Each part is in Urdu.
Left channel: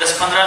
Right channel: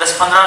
10-15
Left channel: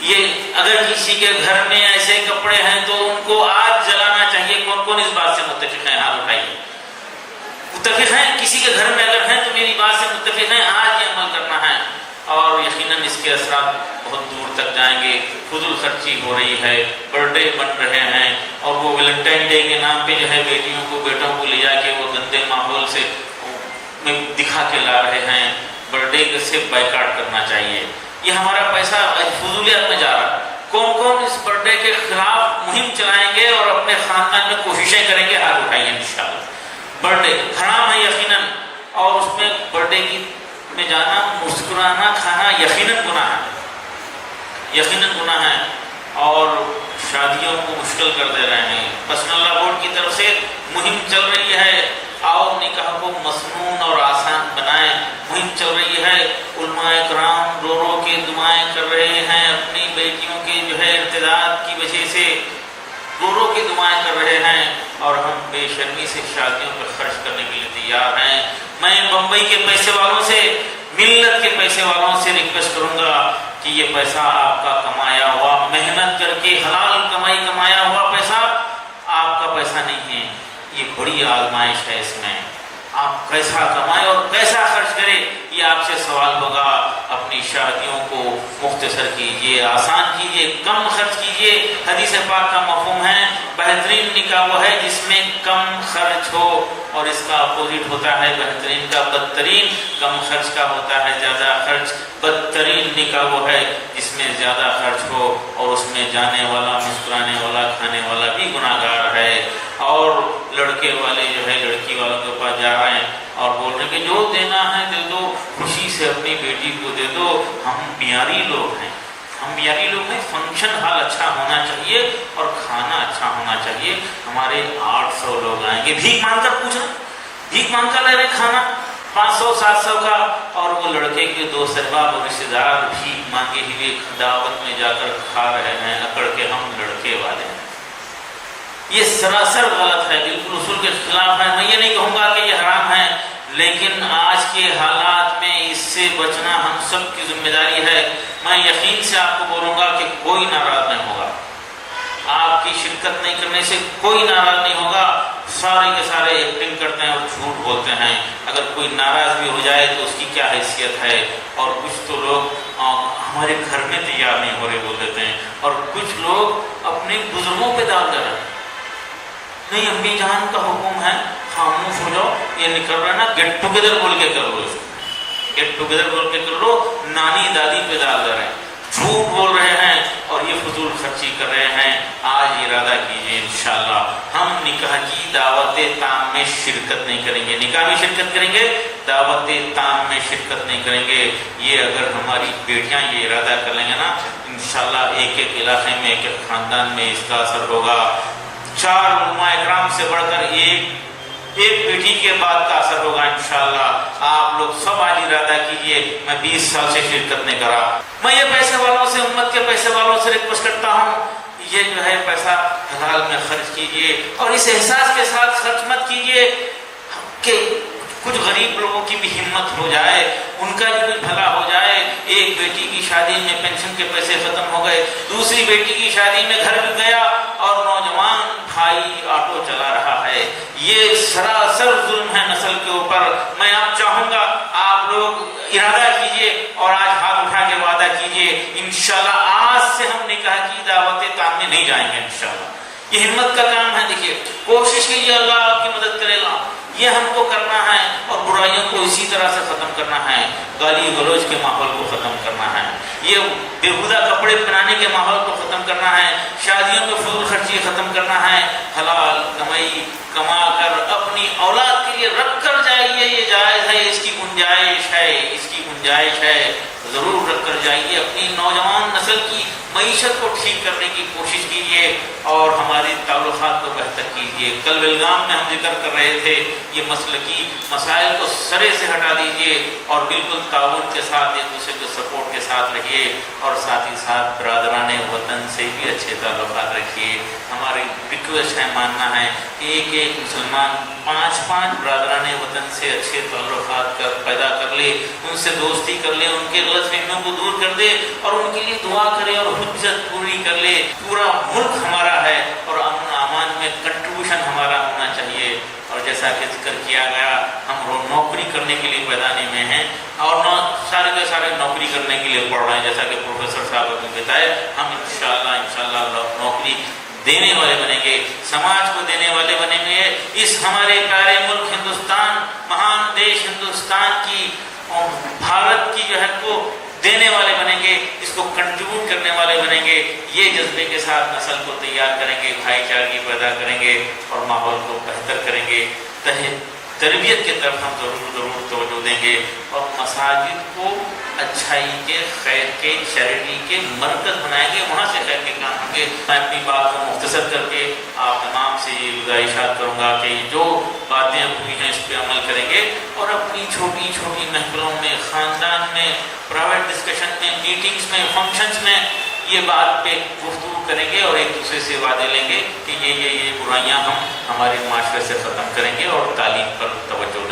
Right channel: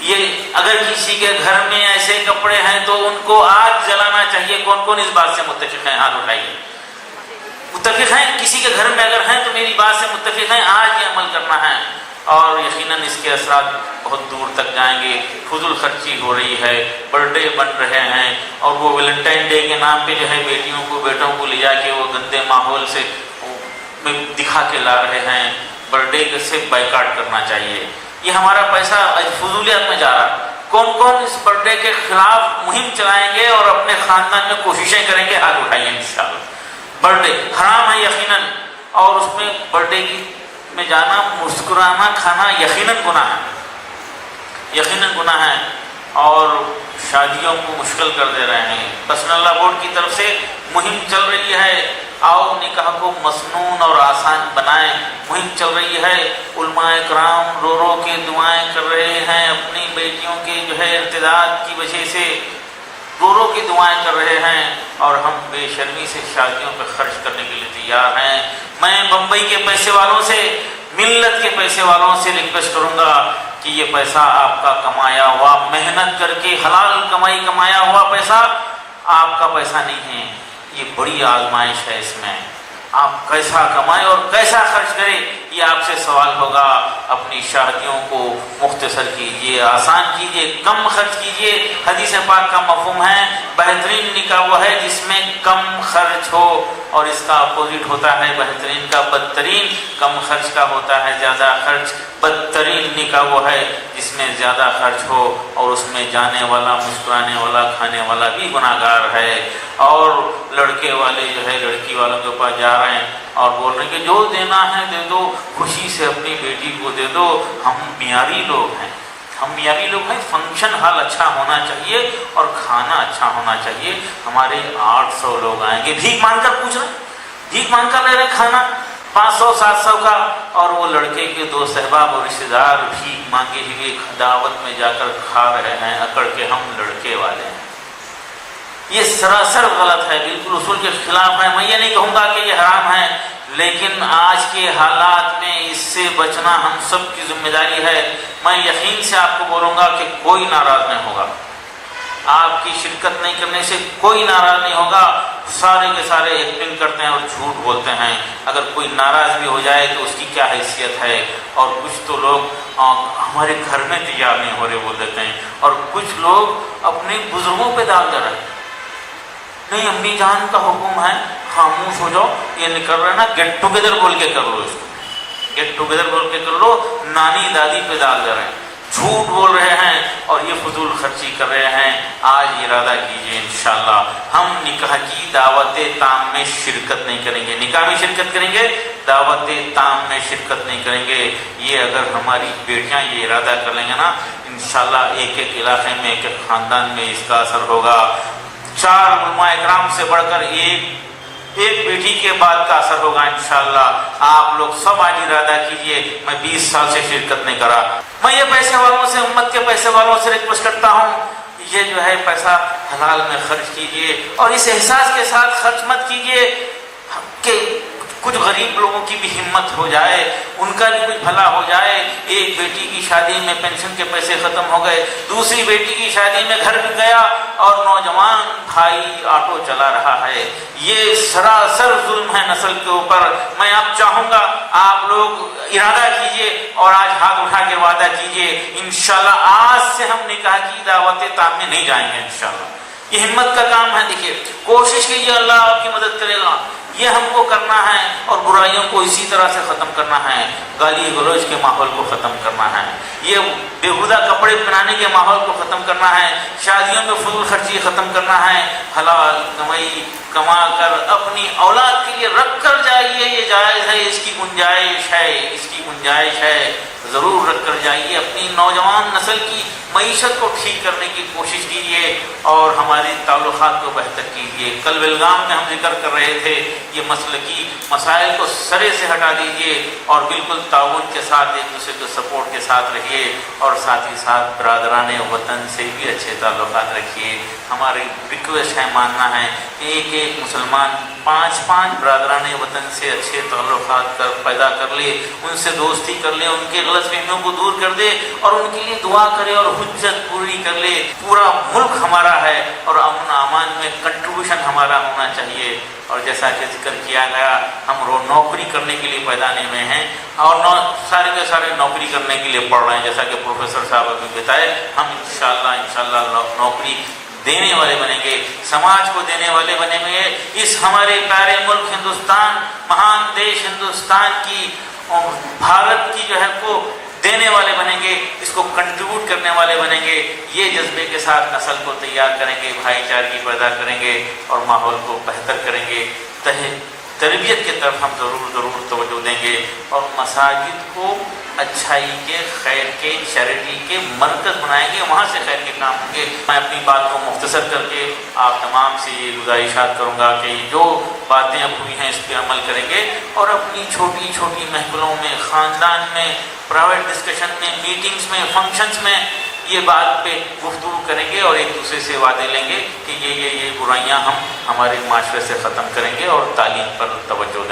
یہ اگر کسی کے گھر میں ایسے کپڑے ہیں تو ان کو آج جلانا چاہیے. کون کون اس بات سے متفق ہیں؟ ہاتھ اٹھائیے. متفق ہیں؟ کسی کے گھر میں اگر ہیں تو میری بات سے متفق ہیں. آج یہ عمل کرنا ہے اور یقیناً اس کے اثرات بہت دور تک جائیں گے. فضول خرچی ہو رہی ہے، برتھ ڈے بن رہے ہیں اور وہ ویلنٹائن ڈے کے نام پہ جو ہے بیٹیوں کو بیٹوں کو لے جا کے وہ گندے ماحول سے میں دکھا کے لا رہے ہیں. برتھ ڈے کے سے بائیکاٹ کرنا چاہیے. یہ ہمارا پیسہ فضولیات میں جا رہا ہے. کون کون اس برتھ ڈے کے خلاف مہم چلائیں گے اور اپنے خاندان میں کوششیں کریں گے؟ ہاتھ اٹھائیے. انشاءاللہ برتھ ڈے حرام ہے یقیناً، اور اس میں برتھ ڈے میں جانا، مسکرانا، کھانا یقیناً گناہ ہے، یقیناً گناہ ہے اور شادیوں کو مشکل کر دے رہے ہیں. پرسنل اللہ بورڈ کی طرف سے مہم چل رہی ہے، آؤ نکاح کو مسنون اور آسان بنائیں. مہم چل رہی ہے، علماء کرام رو رو کے دعائیں کر رہے ہیں اپنی بیٹیوں کے جو ہے ارتداد کی وجہ سے، رو رو کے دعائیں کر رہے ہیں اور ہم بے شرمی سے شادیوں پر خرچ کرنے کے لیے تیار ہیں. میں بمبئی کے پیسے والوں سے، ملت کے پیسے والوں سے ریکویسٹ کروں گا کہ یہ پیسہ آپ کا کمایا ہوا، محنت کر کے حلال کمائی کمایا ہوا پیسہ آپ کا پیسہ نہیں ہے. یہ بڑی آزمائش ہے. اس میں آپ کیسا کمائیں اور کیسا خرچ کریں یہ آپ سے سوال ہوگا. اپنی شادیوں کو مختصر کیجیے، آسان کیجیے، کم خرچ کیجیے. حدیث پاک کا مفہوم ہے بہترین نکاح وہ ہے جس میں کم خرچ ہو، اور اس کا اپوزٹ ہوتا ہے بہترین کا بدترین. کم خرچ کا ہوتا ہے زیادہ خرچ. بدترین نکاح وہ ہے جس میں زیادہ خرچ ہو اور اس میں جانے والا، مسکرانے والا، کھانے والا بھی گناہ گار ہے. اور لڑکے والے جو ہے لڑکی والوں کے پاس جا رہے ہیں اور بول رہے ہیں کہ جو دینا ہے دے دو، خوشی سے اپنی بیٹی کو دے دو. ہم معیاری لوگ ہیں، ہم معیاری لوگ ہیں. فنکشن ہال اچھا ہونا چاہیے اور کھانا اچھا ہونا چاہیے. ہمارے 800 لوگ آئیں گے، بھیک مانگ کر پوچھ رہے، بھیک مانگ کر لے رہے کھانا 500-700 کا، اور وہ لڑکے کے دوست احباب اور رشتے دار بھیک مانگے ہوئے دعوت میں جا کر کھا رہے ہیں اکڑ کے ہم لڑکے والے ہیں. یہ سراسر غلط ہے، بالکل اصول کے خلاف ہے. میں یہ نہیں کہوں گا کہ یہ حرام ہے، لیکن آج کے حالات میں اس سے بچنا ہم سب کی ذمہ داری ہے. میں یقین سے آپ کو بولوں گا کہ کوئی ناراض نہیں ہوگا، آپ کی شرکت نہیں کرنے سے کوئی ناراض نہیں ہوگا. سارے کے سارے ایکٹنگ کرتے ہیں اور جھوٹ بولتے ہیں. اگر کوئی ناراض بھی ہو جائے تو اس کی کیا حیثیت ہے. اور کچھ تو لوگ ہمارے گھر میں تیار نہیں ہو رہے بول دیتے ہیں، اور کچھ لوگ اپنے بزرگوں پہ داغ دے رہے ہیں. نہیں امی جان کا حکم ہے، خاموش ہو جاؤ. یہ نکل رہا ہے نا گیٹ ٹوگیدر بول کے کرو، اس گیٹ ٹوگیدر بول کے کر لو. نانی دادی پہ ڈال دے رہے ہیں، جھوٹ بول رہے ہیں اور یہ فضول خرچی کر رہے ہیں. آج ارادہ کیجیے انشاءاللہ ہم نکاح کی دعوت تام میں شرکت نہیں کریں گے. نکاح میں شرکت کریں گے، دعوت تام میں شرکت نہیں کریں گے. یہ اگر ہماری بیٹیاں یہ ارادہ کر لیں گے نا، انشاءاللہ ایک ایک علاقے میں، ایک ایک خاندان میں اس کا اثر ہوگا. 4 علماء اکرام سے بڑھ کر ایک بیٹی کے بعد کا اثر ہوگا انشاءاللہ. آپ لوگ سب آج ارادہ کیجئے. میں 20 سال سے شرکت نہیں کرا. میں یہ پیسے والوں سے، امت کے پیسے والوں سے ریکویسٹ کرتا ہوں، یہ جو ہے پیسہ حلال میں خرچ کیجئے اور اس احساس کے ساتھ خرچ مت کیجئے کہ کچھ غریب لوگوں کی بھی ہمت ہو جائے، ان کا بھی بھلا ہو جائے. ایک بیٹی کی شادی میں پینشن کے پیسے ختم ہو گئے، دوسری بیٹی کی شادی میں گھر بک گیا اور نوجوان بھائی آٹو چلا رہا ہے. یہ سراسر ظلم ہے نسل کے اوپر. میں آپ چاہوں گا آپ لوگ ارادہ کیجئے اور آج ہاتھ اٹھا کے وعدہ کیجئے انشاءاللہ آج سے ہم نکاح کی دعوتیں تامنے نہیں جائیں گے انشاءاللہ. یہ ہمت کا کام ہے. دیکھیے کوشش کیجیے، اللہ آپ کی مدد کرے گا. یہ ہم کو کرنا ہے اور برائیوں کو اسی طرح سے ختم کرنا ہے. گالی گلوچ کے ماحول کو ختم کرنا ہے، یہ بےہودہ کپڑے پہنانے کے ماحول کو ختم کرنا ہے، شادیوں میں فضول خرچی ختم کرنا ہے. حلال کمائی کما کر اپنی اولاد کے لیے رکھ کر جائیے. یہ جائز ہے، اس کی گنجائش ہے، اس کی گنجائش ہے. ضرور رکھ کر جائیے. اپنی نوجوان نسل کی معیشت کو ٹھیک کرنے کی کوشش کیجیے اور ہمارے تعلقات کو بہتر کیجیے. لیجیے. کل بیلگام میں ہم ذکر کر رہے تھے یہ مسلکی مسائل کو سرے سے ہٹا دیجیے اور بالکل تعاون کے ساتھ ایک دوسرے کے سپورٹ کے ساتھ رکھیے اور ساتھ ہی ساتھ برادران وطن سے بھی اچھے تعلقات رکھیے. ہماری ریکویسٹ ہے، ماننا ہے کہ ایک ایک مسلمان 5 برادران وطن سے اچھے تعلقات پیدا کر لے، ان سے دوستی کر لے، ان کے غلط فہمیوں کو دور کر دے اور ان کے لیے دعا کرے اور حجت پوری کر لے. پورا ملک ہمارا ہے اور امن امان میں کنٹریبیوشن ہمارا ہونا چاہیے. اور جیسا کہ ذکر کیا گیا ہم نوکری کرنے کے لیے میدان میں ہیں اور سارے کے سارے نوکری کرنے کے لیے پڑھ رہے ہیں. جیسا کہ پروفیسر صاحب نے بتایا ہم انشاءاللہ نوکری دینے والے بنیں گے، سماج کو دینے والے بنیں گے. اس ہمارے پیارے ملک ہندوستان، مہان دیش ہندوستان کی بھارت کی جو ہے کو دینے والے بنیں گے، اس کو کنٹریبیوٹ کرنے والے بنیں گے. یہ جذبے کے ساتھ نسل کو تیار کریں گے، بھائی چارگی پیدا کریں گے اور ماحول کو بہتر کریں گے. تربیت کی طرف ہم ضرور توجہ دیں گے اور مساجد کو اچھائی کے، خیر کے، چیریٹی کے مرکز بنائیں گے، وہاں سے خیر کے کام ہوں گے. میں اپنی بات کو مختصر کر کے آپ تمام سے یہ گزارشات کروں گا کہ جو باتیں ہوئی ہیں اس پہ عمل کریں گے اور اپنی چھوٹی چھوٹی محفلوں میں، خاندان میں، پرائیویٹ ڈسکشن میں، میٹنگز میں، فنکشنز میں یہ بات پہ گفتگو کریں گے اور ایک دوسرے سے وعدے لیں گے کہ یہ برائیاں ہم ہمارے معاشرے سے ختم کریں گے اور تعلیم پر توجہ